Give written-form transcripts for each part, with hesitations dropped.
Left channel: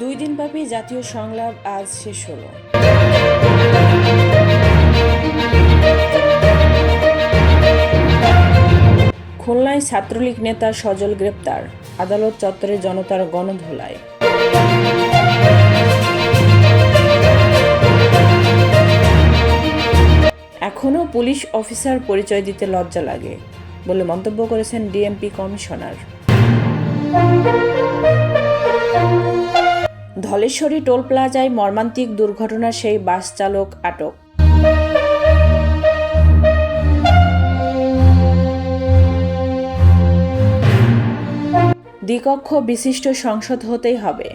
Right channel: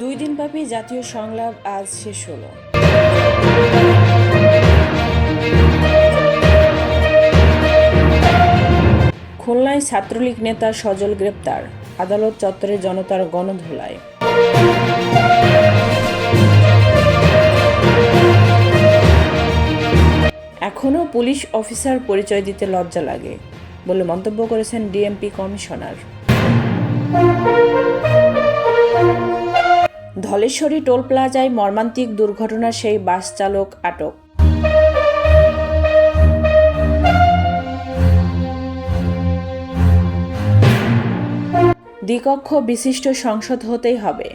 দুই দিনব্যাপী জাতীয় সংলাপ আজ শেষ হলো। খুলনায় ছাত্রলীগ নেতা সজল গ্রেপ্তার, আদালত চত্বরে জনতার গণধোলায়। এখনও পুলিশ অফিসার পরিচয় দিতে লজ্জা লাগে বলে মন্তব্য করেছেন ডিএমপি কমিশনার। ধলেশ্বরী টোল প্লাজায় মর্মান্তিক দুর্ঘটনা, সেই বাস চালক আটক। দ্বিকক্ষ বিশিষ্ট সংসদ হতেই হবে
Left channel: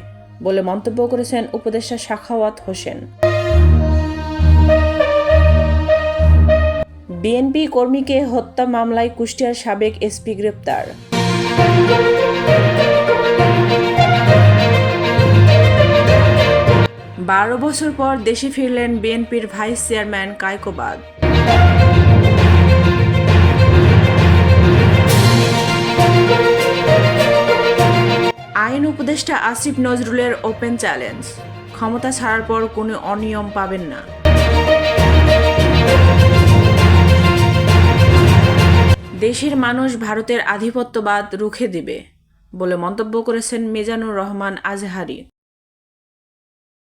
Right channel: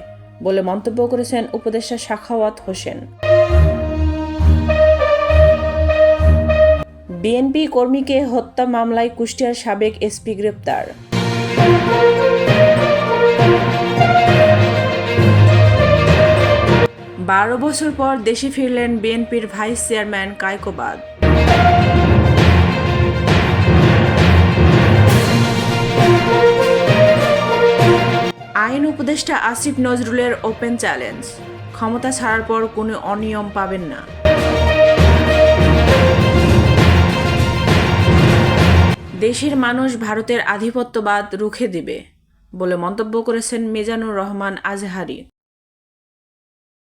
বলে মন্তব্য করেছেন উপদেষ্টা সাখাওয়াত হোসেন। বিএনপি কর্মীকে হত্যা মামলায় কুষ্টিয়ার সাবেক এসপি গ্রেপ্তার। 12 বছর পর দেশে ফিরলেন বিএনপির ভাইস চেয়ারম্যান কায়কোবাদ। আইন উপদেষ্টা আসিফ নজরুলের ওপেন চ্যালেঞ্জ, ক্ষমতা ছাড়ার পর কোনো অনিয়ম পাবেন না। দেশের মানুষ ভারতের আধিপত্যবাদ রুখে দিবে বলে মন্তব্য করেছেন মিজানুর রহমান আজহারি।